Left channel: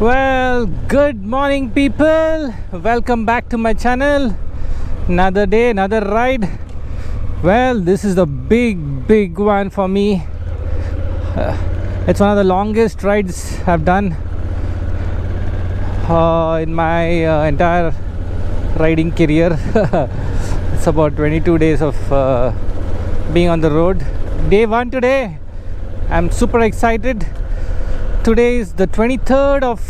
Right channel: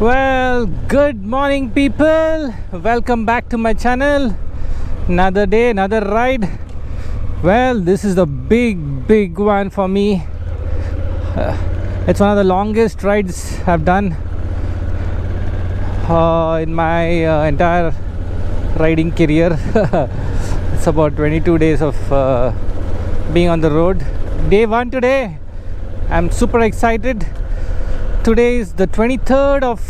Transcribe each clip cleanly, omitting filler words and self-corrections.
Well, good morning people. Welcome back to my channel. Another day, another ride. Well, this is the big one for me. It's one of the longest rides I've done in my entire riding career. It's about 22 days of being on the road. Day one today. I'm super excited. Today is the 23rd of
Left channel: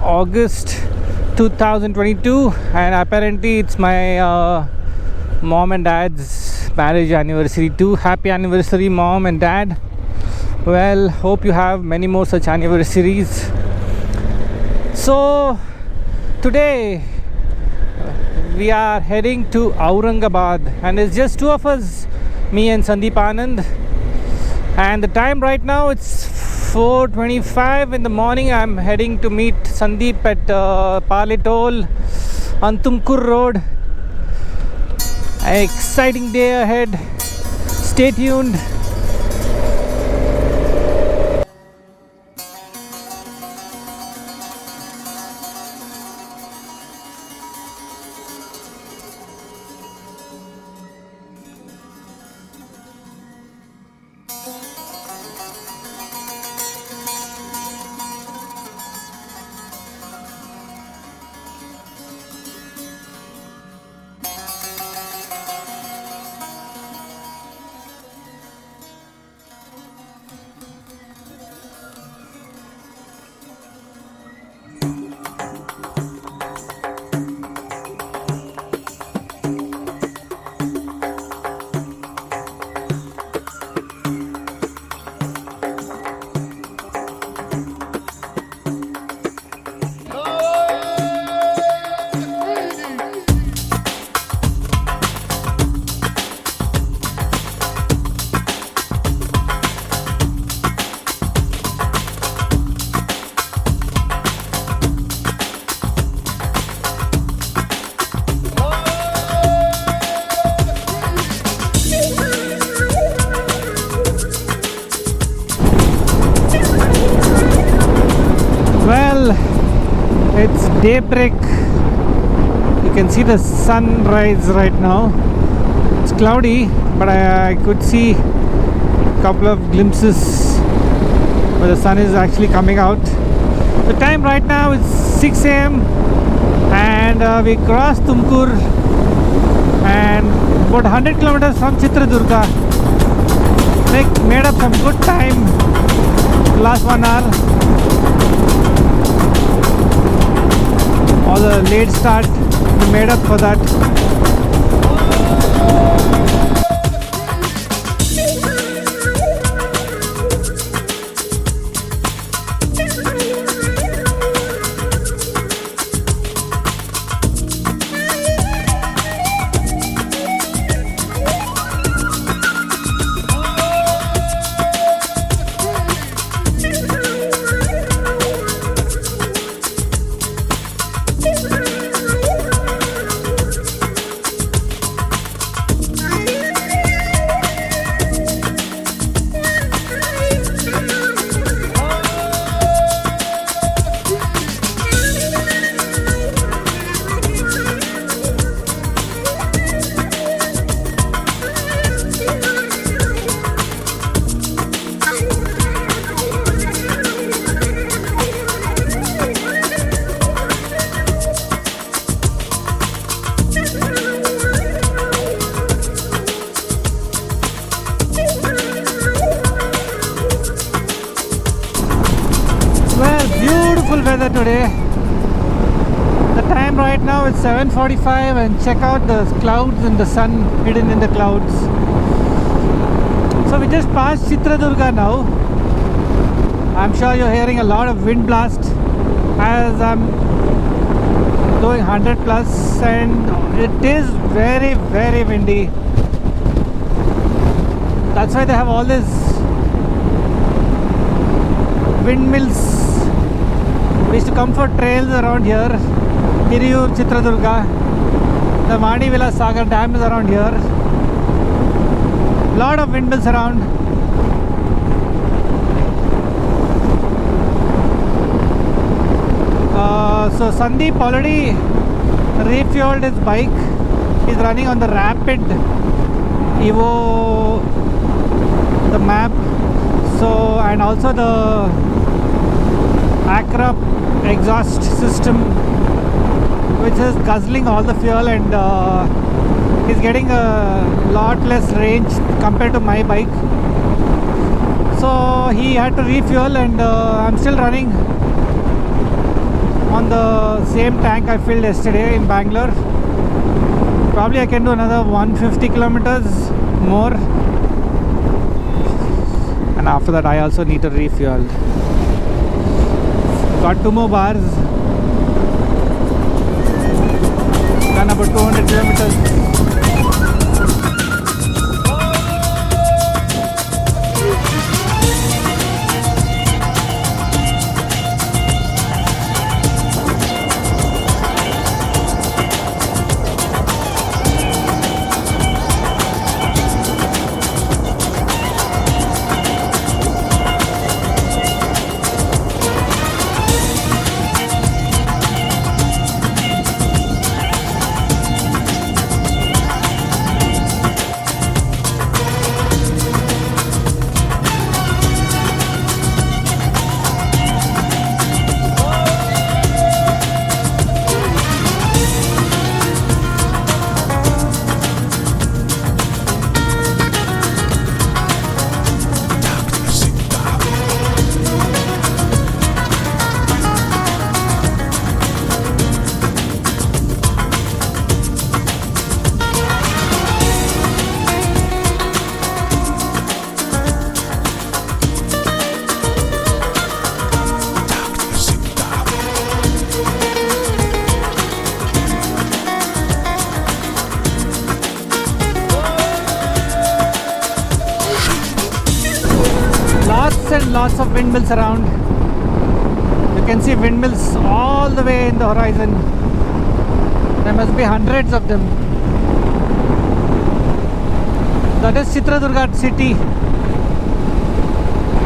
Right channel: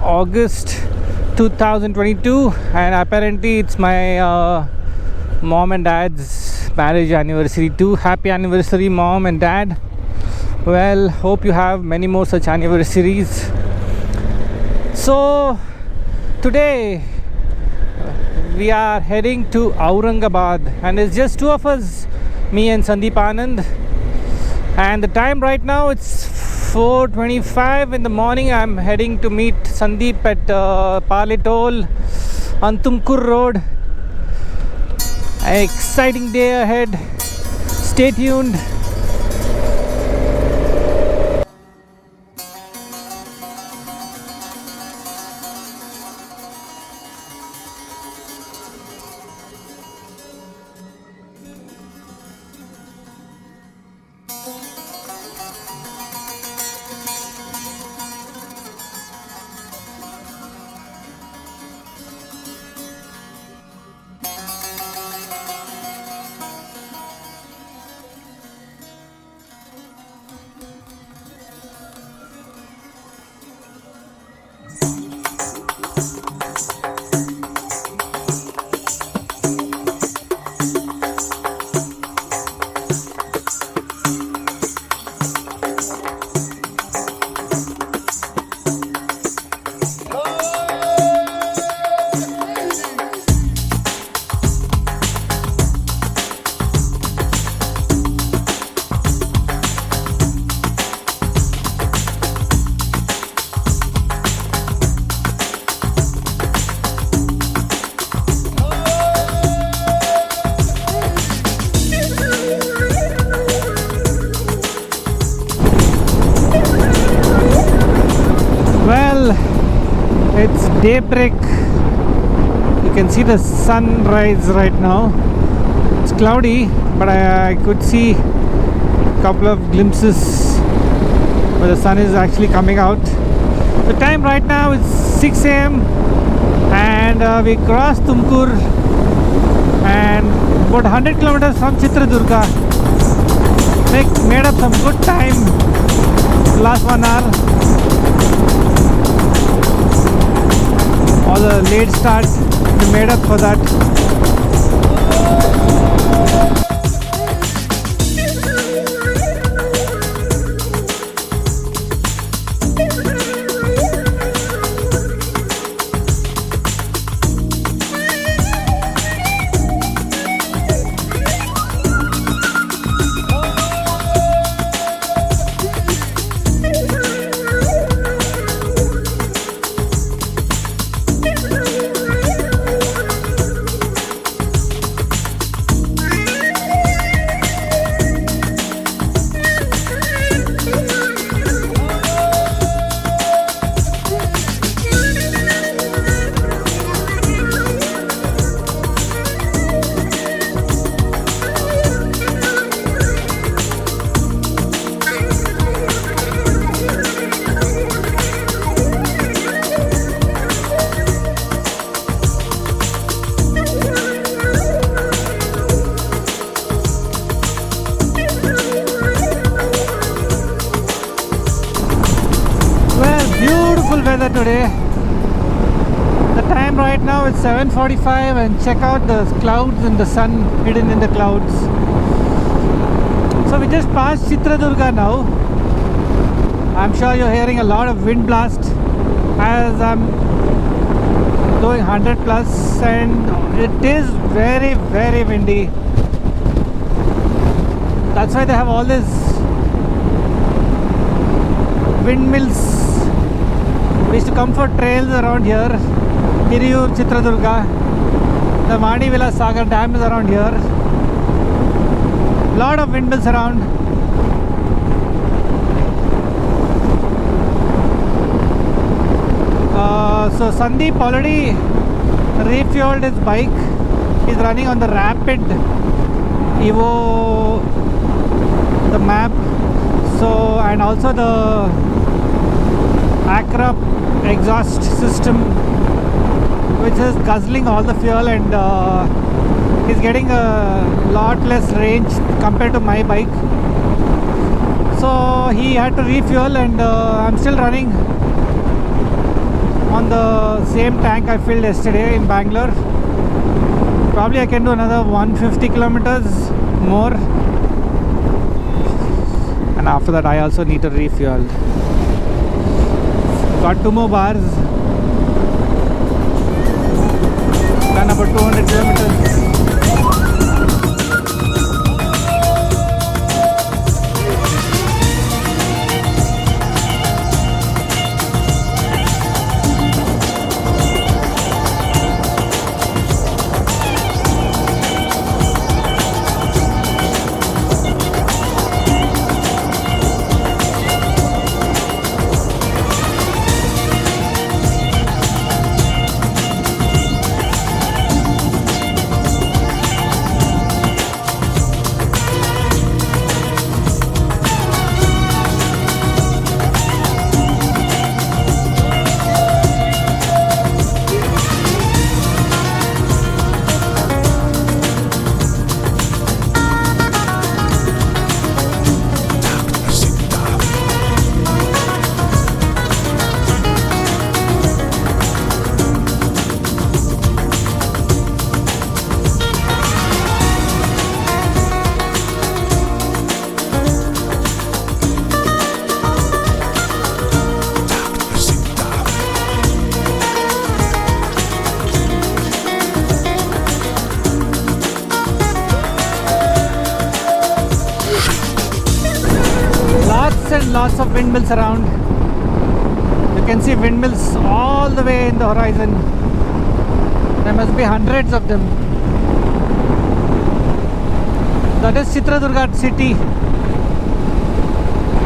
August 2022, and apparently it's my mom and dad's marriage anniversary too. Happy anniversary, mom and dad. Well, hope you have many more such anniversaries. So today we are heading to Aurangabad, and it's just two of us, me and Sandeep Anand. And the time right now, it's 4:25 in the morning. I'm heading to meet Sandeep at Paletol on Tumkur Road. An exciting day ahead. Stay tuned. It's daybreak. You can see the sunrise right now. It's cloudy, but I could see a couple of glimpses where the sun is actually coming out. The time right now is 6 a.m. and we crossed Tumkur and about 100 kilometers from Chitradurga. Made up some good time last 1 hour. All the late start, we made up for that. Beautiful weather today. The time right now is 7:45, and check out the clouds and the sun hidden in the clouds. So we just passed Chitradurga now. I'm sure you're hearing a lot of wind blast as I'm going 100 plus, and it is very windy. That's why they have all these windmills. We used to come for trails around here. Hiriyur, Chitradurga. The Manivila Sagar Dam is around here. Lot of windmills around. So Sandeep already refueled his bike. He's running on the Rapid Evo, the map. So, and also the Acra exhaust system, which is guzzling all the fuel, and he's getting a lot less range compared to my bike. So he had to refuel, and I'm still running on the same tank I filled yesterday in Bangalore. Probably I can do another 150 kilometers more, and after that I also need to refuel. Got 2 more bars, done about 200 kilometers. And lots of windmills around. You can see windmills all the way in the horizon. There must be hundreds of them. That is Chitradurga city,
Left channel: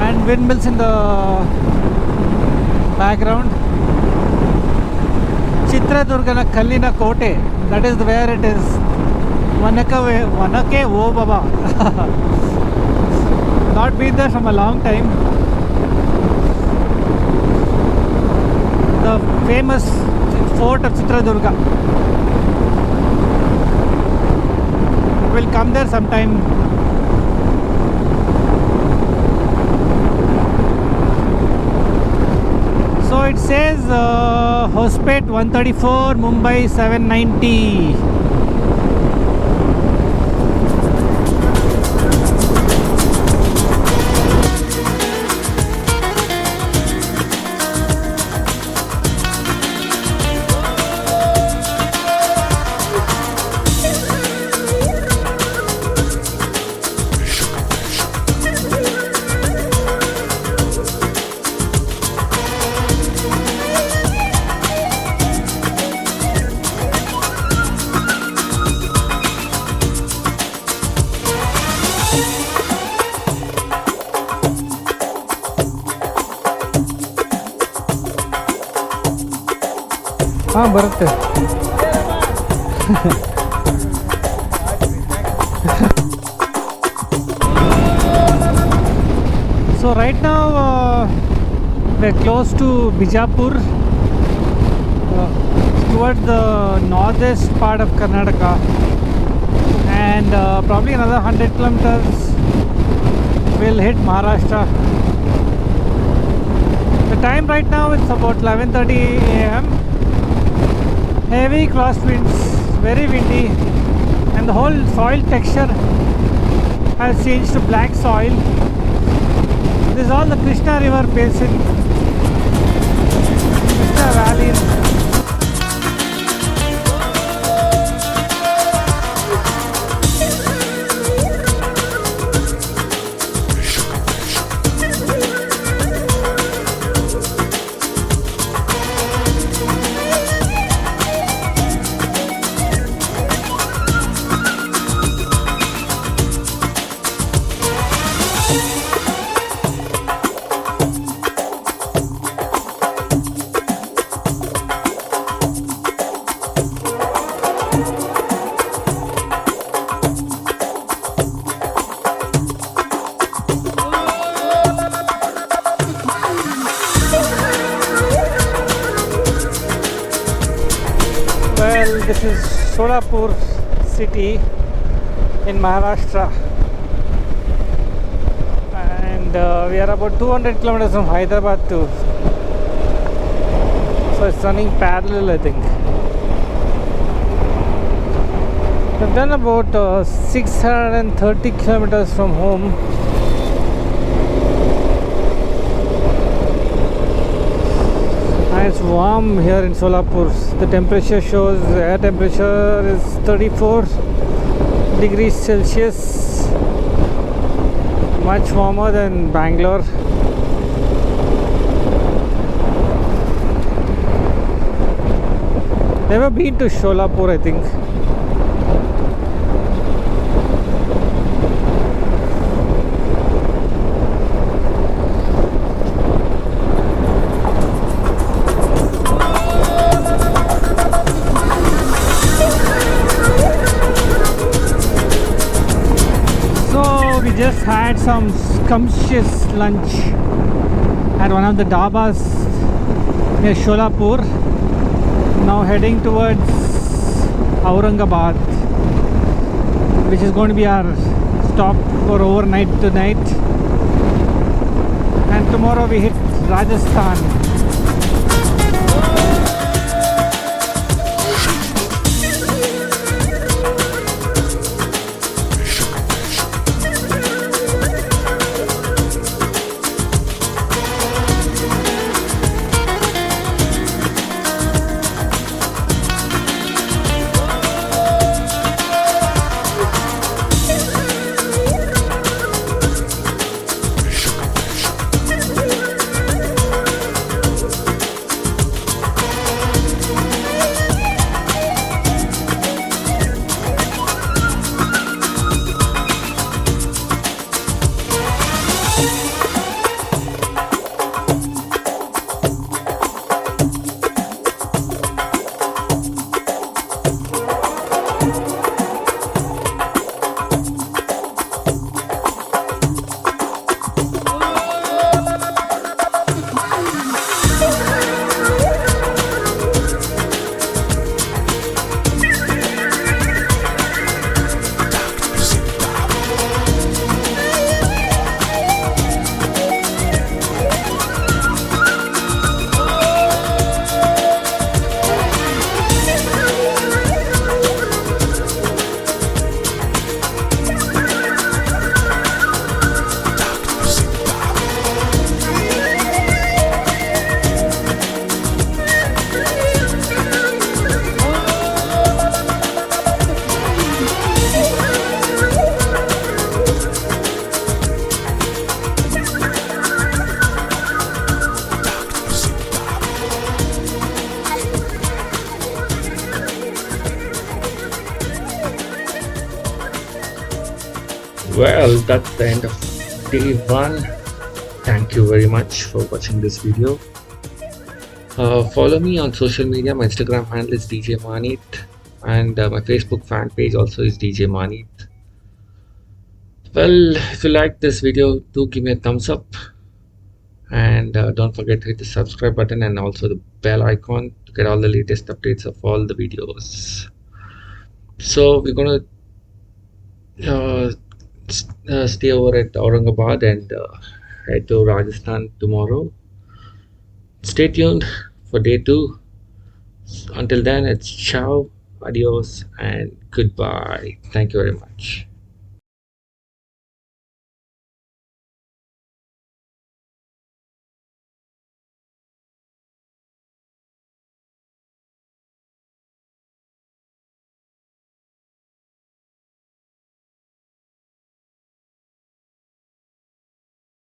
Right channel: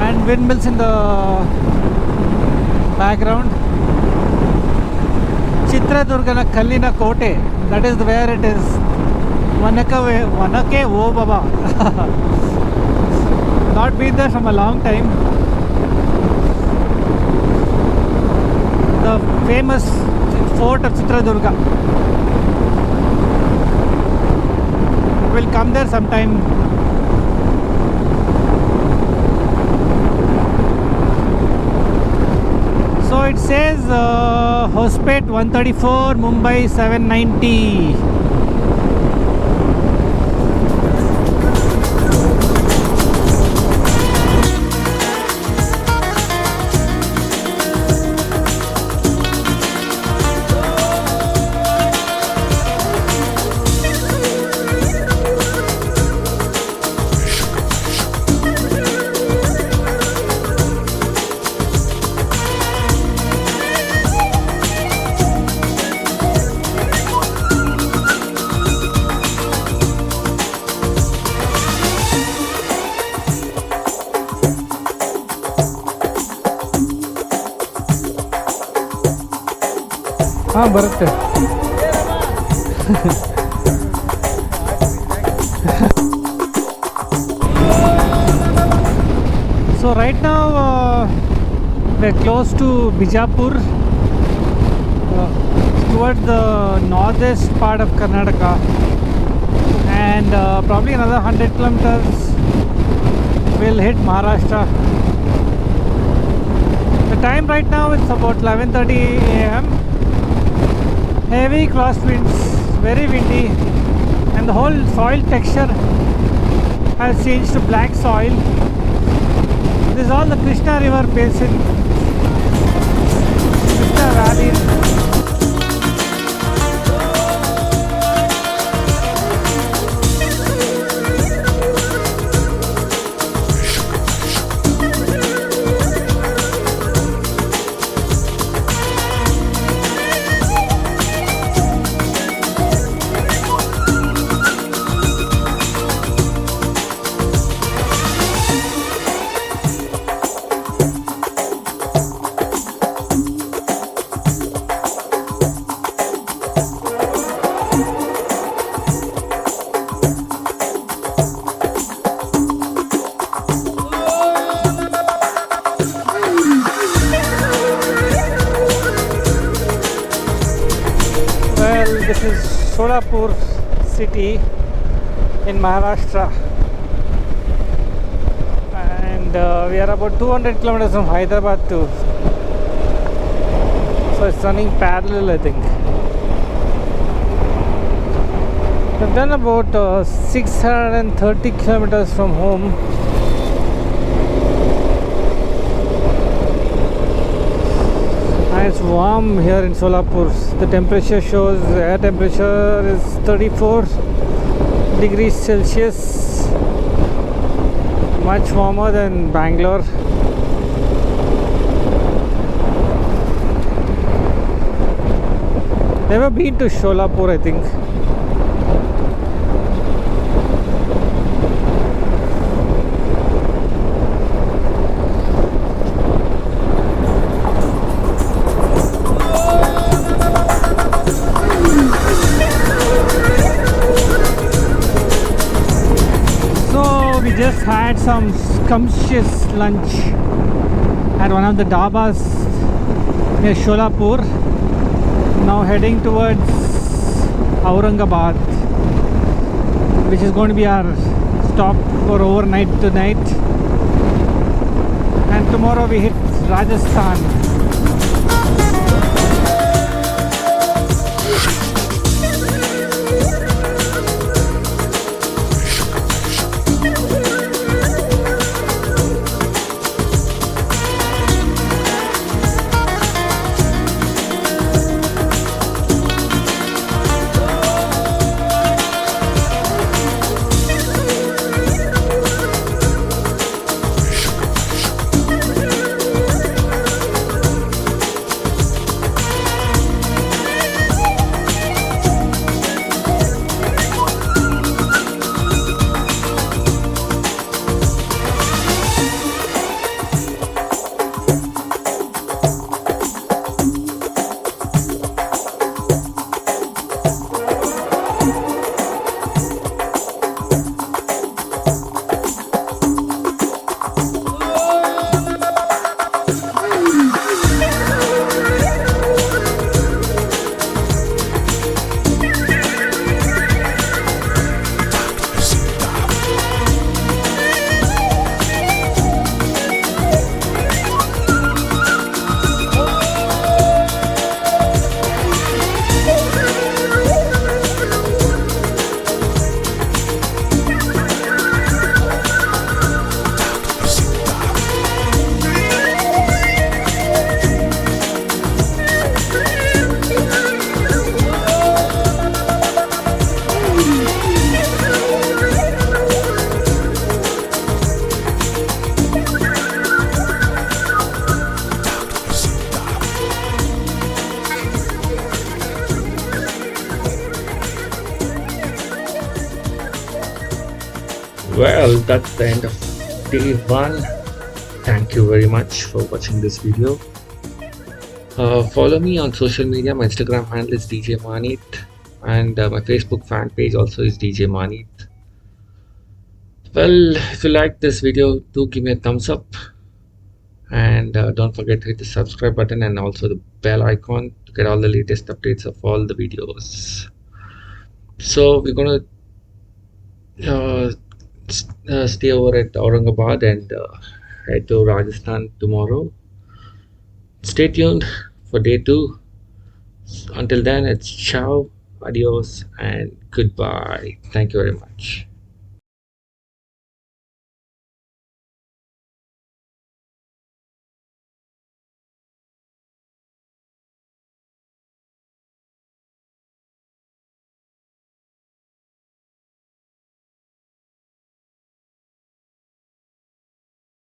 and windmills in the background. Chitradurgana Kallina Kote, that is where it is. Vanake O Baba. Not been there from a long time. The famous fort of Chitradurga. We'll come there sometime. So it says Hospet 134, Mumbai 790. ಬರುತ್ತೆ. So right now we're close to Bijapur, towards the northeast part of Karnataka, and probably another 100 kilometers we'll hit Maharashtra. The time right now is about 11:30 AM. Heavy cross winds, very windy, and the whole soil texture has changed to black soil. This is all the Krishna river basin, Krishna valley. Well, this is Solapur city in Maharashtra, and we are about 200 kilometers from Hyderabad too. So it's running parallel, I think. We've done about 630 kilometers from home. And it's warm here in Solapur. The temperature shows air temperature is 34 degrees Celsius. Much warmer than Bangalore. Never been to Solapur, I think. We just had some scrumptious lunch at one of the dhabas near Solapur. Now heading towards Aurangabad, which is going to be our stop for overnight tonight, and tomorrow we hit Rajasthan. Well, that's the end of day one. Thank you very much for watching this video. Follow me on social media. My Instagram handle is Djmahaneet, and my Facebook fan page also is Djmahaneet. Well, if you like this video, do give me a thumbs up, and don't forget to hit the subscribe button and also the bell icon to get all the latest updates of all the videos. So we're gonna stay over at Aurangabad and head to Rajasthan tomorrow. Stay tuned for day 2. Until then, it's ciao, adios, and goodbye. Thank you very much.